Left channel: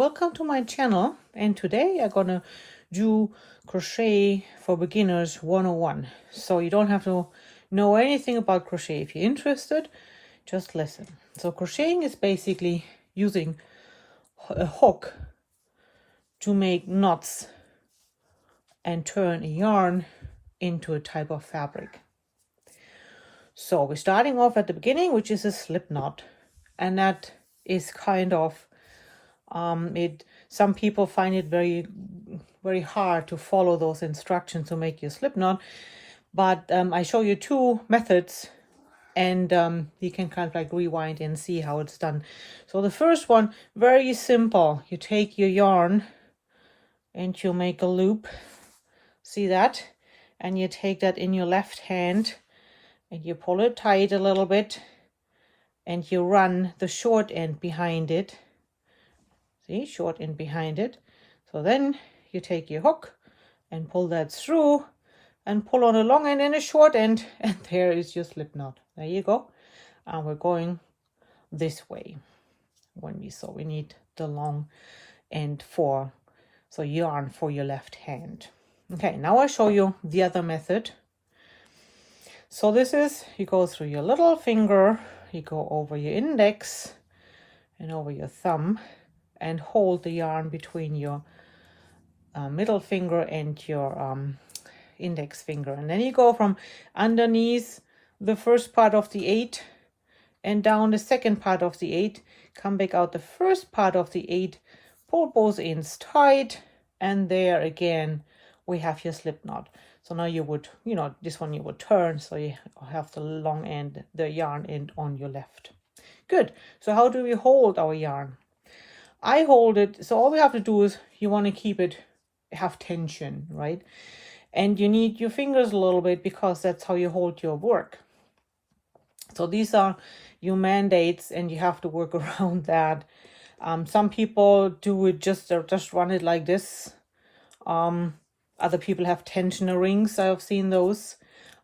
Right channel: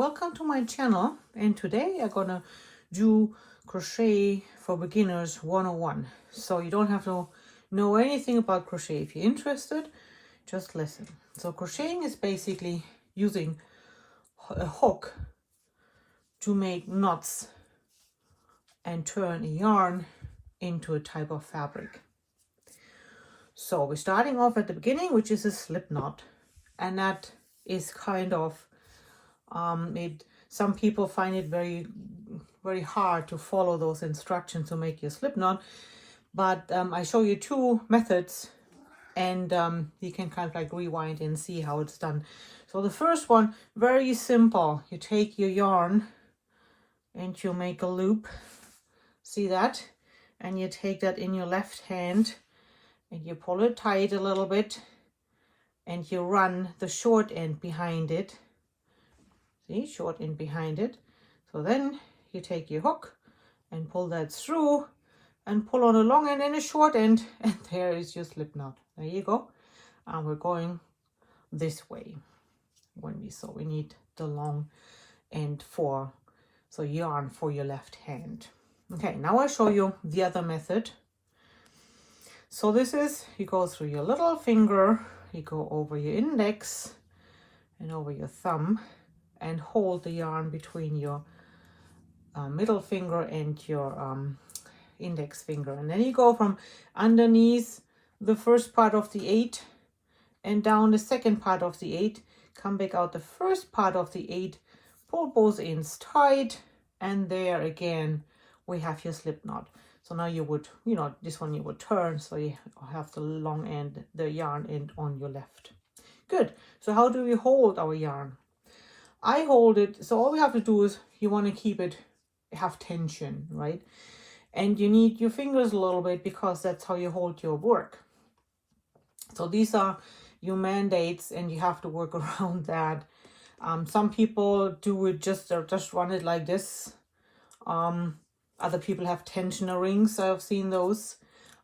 Welcome to my channel, and today I'm gonna do crochet for beginners 101. So you don't have to know anything about crochet. If you're interested, just listen. So crocheting is basically using a hook to make knots and turn a yarn into a type of fabric. So we're starting off at the beginning, which is a slip knot, and that is kind of some people find it very hard to follow those instructions to make your slip knot, but I show you two methods, and you can kind of like rewind and see how it's done. So the first one, very simple. You take your yarn and you make a loop, see that, and you take that in your left hand and you pull it tight a little bit and you run the short end behind it. See, short end behind it. So then you take your hook and pull that through and pull on a long end and a short end, and there is your slip knot. There you go. And we're going this way. So we need the long end for yarn for your left hand. Okay, now I'll show you the other method. So this is, you go through your little finger, you go over your index and over your thumb, and hold the yarn between your middle finger and your index finger. And then you go from underneath the first part of the 8 and down the second part of the 8, come back out the first part of the 8, pull both ends tight, and there again we have your slip knot. So now you would, this one you would turn, so you have the long end, the yarn end on your left. Good. So how do we hold our yarn? I hold it, so all we have to do is you want to keep it, have tension, right? And you need your fingers a little bit because that's how you hold your work. So these are your mandates and you have to work around that. Some people do it just run it like this. Other people have tensioner rings. I've seen those.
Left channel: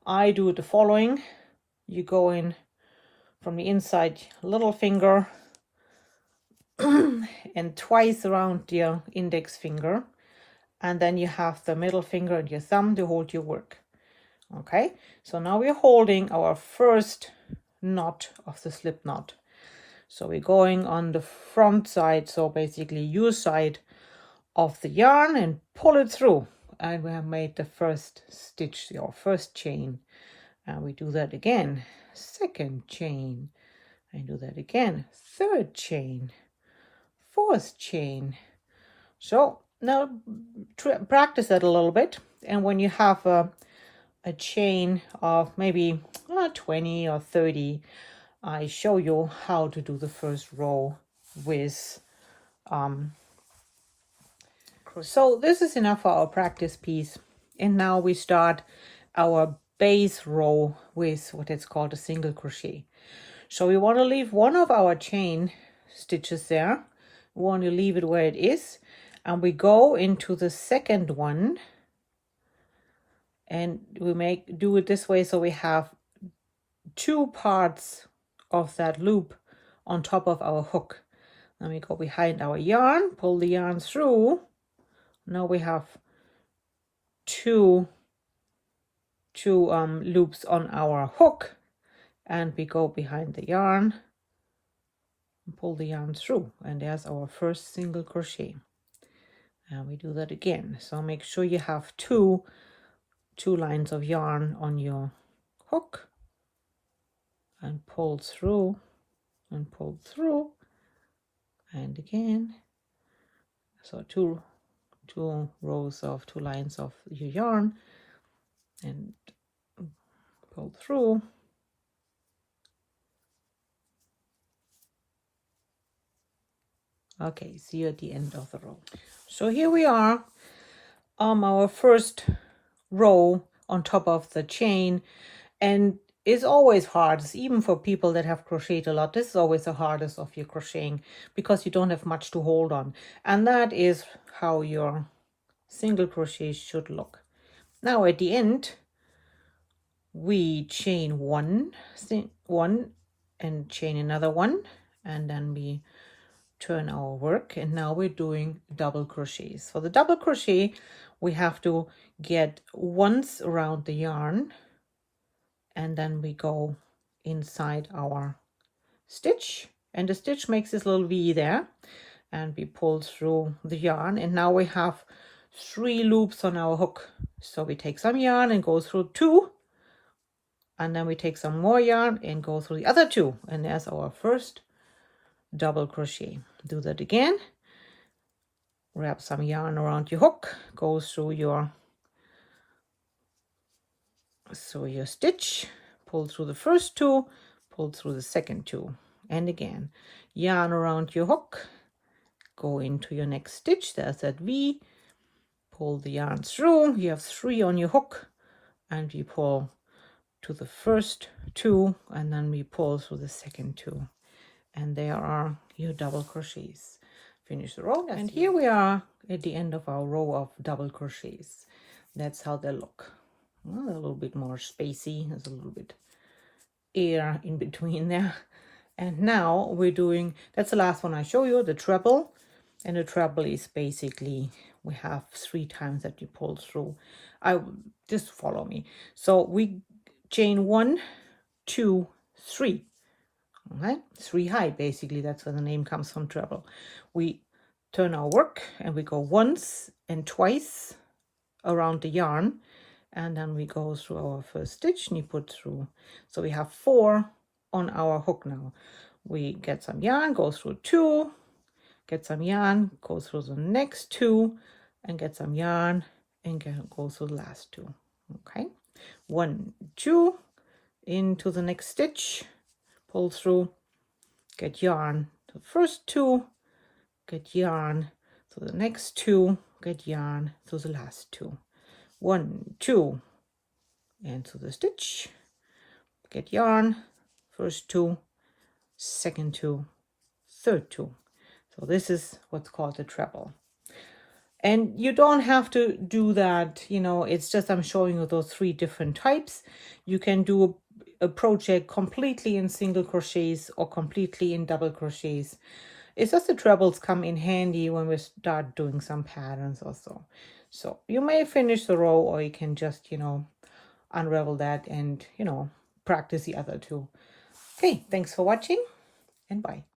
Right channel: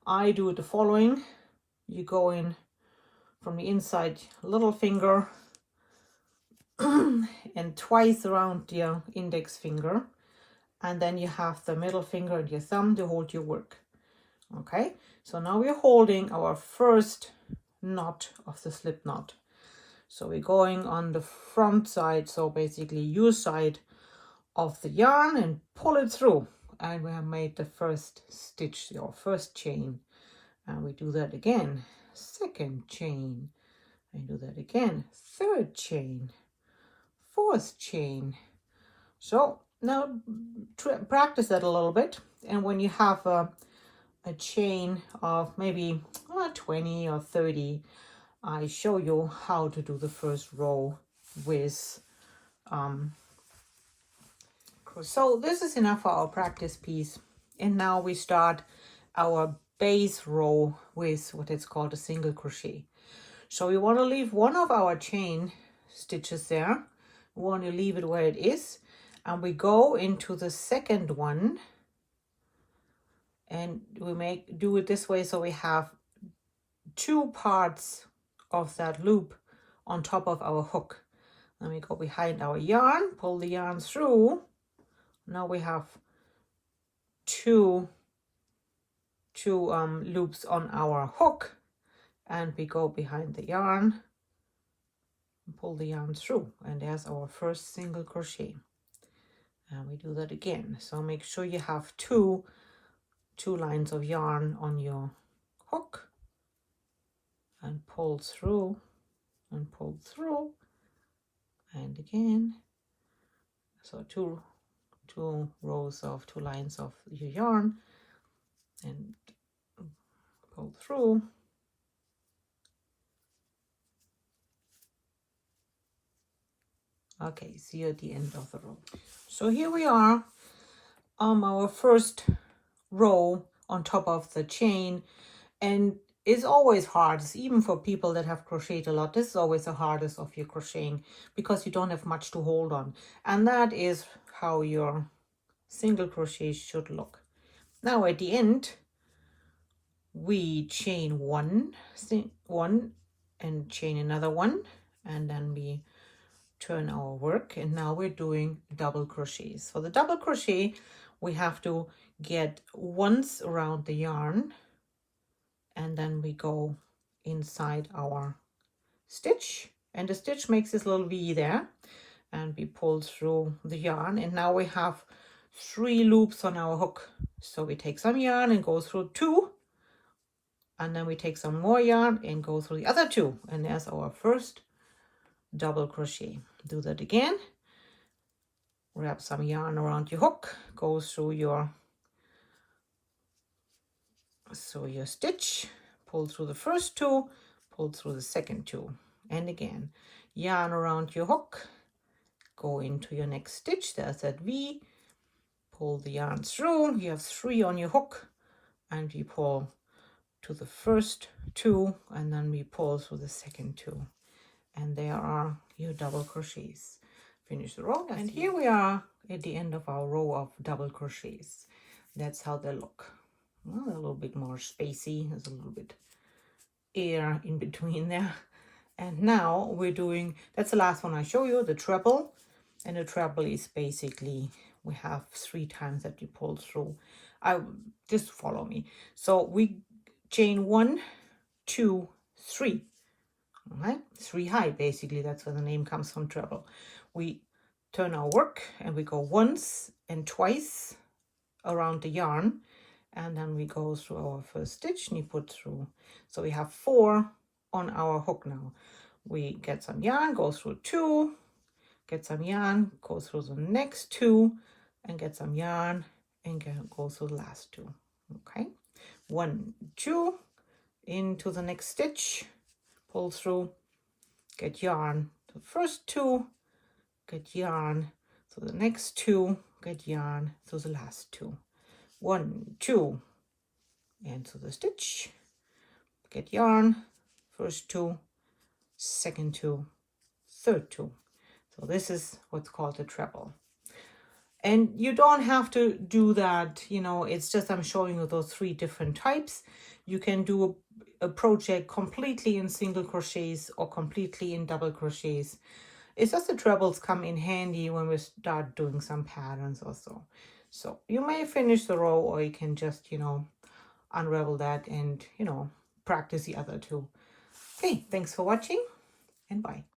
I do it the following. You go in from the inside little finger and twice around your index finger, and then you have the middle finger and your thumb to hold your work. Okay, so now we're holding our first knot of the slip knot. So we're going on the front side, so basically your side of the yarn, and pull it through, and we have made the first stitch, your first chain, and we do that again, second chain, and do that again, third chain, fourth chain. So now practice that a little bit, and when you have a chain of maybe 20 or 30, I show you how to do the first row with so this is enough for our practice piece, and now we start our base row with what is called a single crochet. So we want to leave one of our chain stitches there. We want to leave it where it is, and we go into the second one, and we do it this way, so we have two parts of that loop on top of our hook. Then we go behind our yarn, pull the yarn through. Now we have two loops on our hook, and we go behind the yarn, pull the yarn through, and there's our first single crochet. And we do that again. So make sure you have two lines of yarn on your hook, and pull through and pull through, and again. So two lines of your yarn, and pull through. Okay, see you at the end of the row. So here we are, our first row on top of the chain, and it's always hard, even for people that have crocheted a lot. This is always the hardest of your crocheting because you don't have much to hold on, and that is how your single crochet should look. Now at the end, we chain one and chain another one, and then we turn our work, and now we're doing double crochets. For the double crochet, we have to get once around the yarn, and then we go inside our stitch, and the stitch makes this little V there, and we pull through the yarn, and now we have 3 loops on our hook. So we take some yarn and go through 2, and then we take some more yarn and go through the other 2, and there's our first double crochet. Do that again. Wrap some yarn around your hook, go through your stitch, pull through the first 2, pull through the second 2, and again yarn around your hook, go into your next stitch. There's that V, pull the yarn through. You have 3 on your hook, and we pull to the first 2, and then we pull through the second 2, and there are your double crochets. Finish the row, and here we are at the end of our row of double crochets. That's how they look. Well, a little bit more spacey. There's a little bit air in between there. And now we're doing, that's the last one I show you, the treble. And the treble is basically, we have 3 times that you pull through. Just follow me. So we chain 1, 2, 3. Okay, 3 high, basically. That's where the name comes from, treble. We turn our work and we go once and twice around the yarn, and then we go through our first stitch and you put through. So we have 4 on our hook now. We get some yarn, go through 2, get some yarn, go through the next 2, and get some yarn and go through the last 2. Okay, 1, 2, into the next stitch, pull through, get yarn to the first 2, get yarn to the next 2, get yarn to the last 2. 1, 2, into the stitch, get yarn, first 2, second 2, third 2. So this is what's called a treble. And you don't have to do that, you know, it's just I'm showing you those 3 different types. You can do a project completely in single crochets or completely in double crochets. It's just the trebles come in handy when we start doing some patterns or so. So you may finish the row, or you can just, you know, unravel that and, you know, practice the other 2. Okay, thanks for watching, and bye.